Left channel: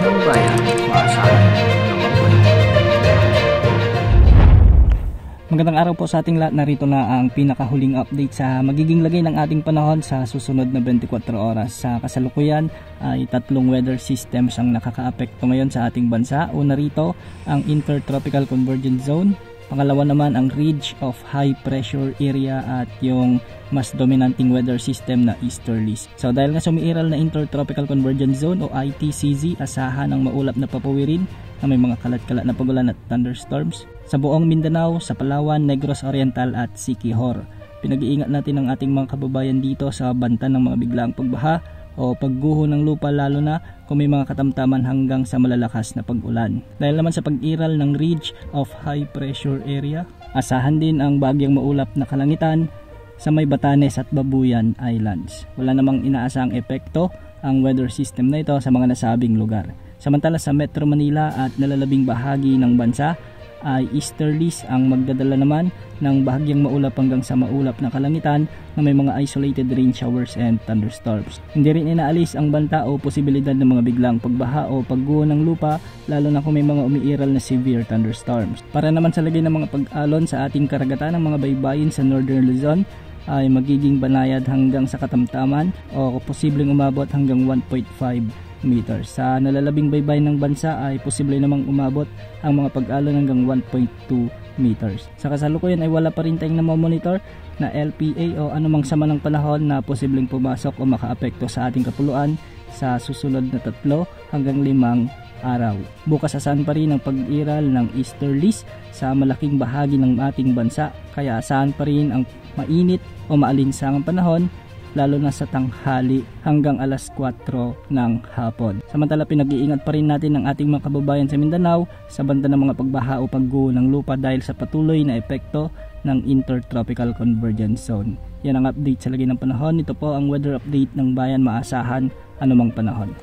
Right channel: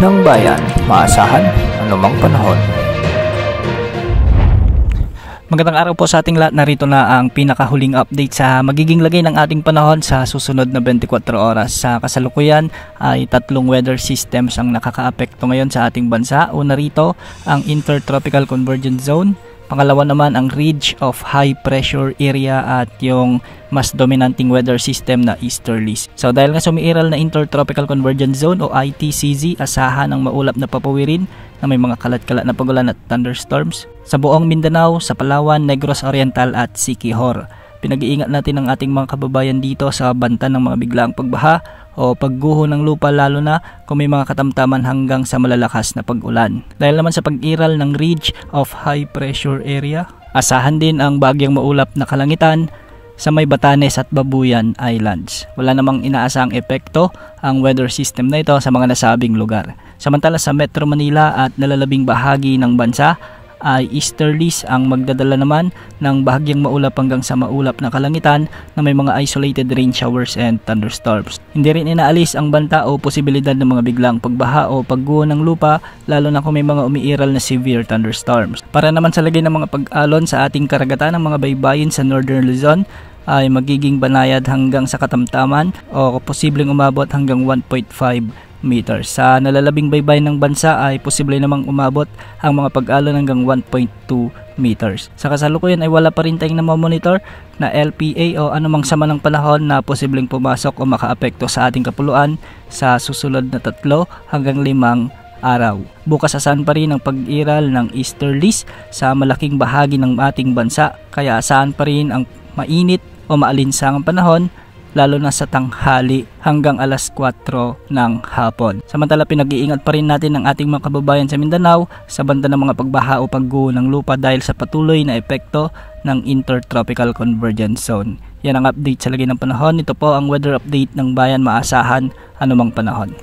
ng bayan, maasahan anumang panahon. Magandang araw po sa ating lahat. Narito na ang pinakahuling update sa magiging lagay ng ating panahon sa susunod na 24 oras. Sa kasalukuyan ay tatlong weather systems ang nakakaapekto ngayon sa ating bansa. Una rito ang Intertropical Convergence Zone. Pangalawa naman ang Ridge of High Pressure Area at yung mas dominanting weather system na easterlies. So dahil nga sumiiral na Intertropical Convergence Zone o ITCZ, asahan ng maulap na papawirin na may mga kalat-kalat na pagulan at thunderstorms sa buong Mindanao, sa Palawan, Negros Oriental at Siquijor. Pinag-iingat natin ang ating mga kababayan dito sa banta ng mga biglaang pagbaha o pagguho ng lupa, lalo na kung may mga katamtaman hanggang sa malalakas na pag-ulan. Dahil naman sa pag-iral ng Ridge of High Pressure Area, asahan din ang bagyang maulap na kalangitan sa may Batanes at Babuyan Islands. Wala namang inaasang epekto ang weather system na ito sa mga nasabing lugar. Samantala sa Metro Manila at nalalabing bahagi ng bansa ay easterlies ang magdadala naman ng bahagyang maulap hanggang sa maulap na kalangitan na may mga isolated rain showers and thunderstorms. Hindi rin inaalis ang banta o posibilidad ng mga biglang pagbaha o pagguho ng lupa, lalo na kung may mga umiiral na severe thunderstorms. Para naman sa lagay ng mga pag-alon sa ating karagatan ng mga baybayin sa Northern Luzon ay magiging banayad hanggang sa katamtaman o posibleng umabot hanggang 1.5 meters. Sa nalalabing baybay ng bansa ay posible namang umabot ang mga pag-alon hanggang 1.2 meters. Sa kasalukuyan ay wala pa rin tayong namomonitor na LPA o anumang sama ng panahon na posibleng pumasok o makaapekto sa ating kapuluan sa susunod na 3 hanggang 5 araw. Bukas asahan pa rin ang pag-iral ng easterlies sa malaking bahagi ng ating bansa, kaya asahan pa rin ang mainit o maalinsangang panahon lalo na sa tanghali hanggang alas 4 ng hapon. Samantala pinag-iingat pa rin natin ang ating mga kababayan sa Mindanao sa banta ng mga pagbaha o pagguho ng lupa dahil sa patuloy na epekto ng Intertropical Convergence Zone. Yan ang update sa lagay ng panahon. Ito po ang weather update ng bayan, maasahan anumang panahon.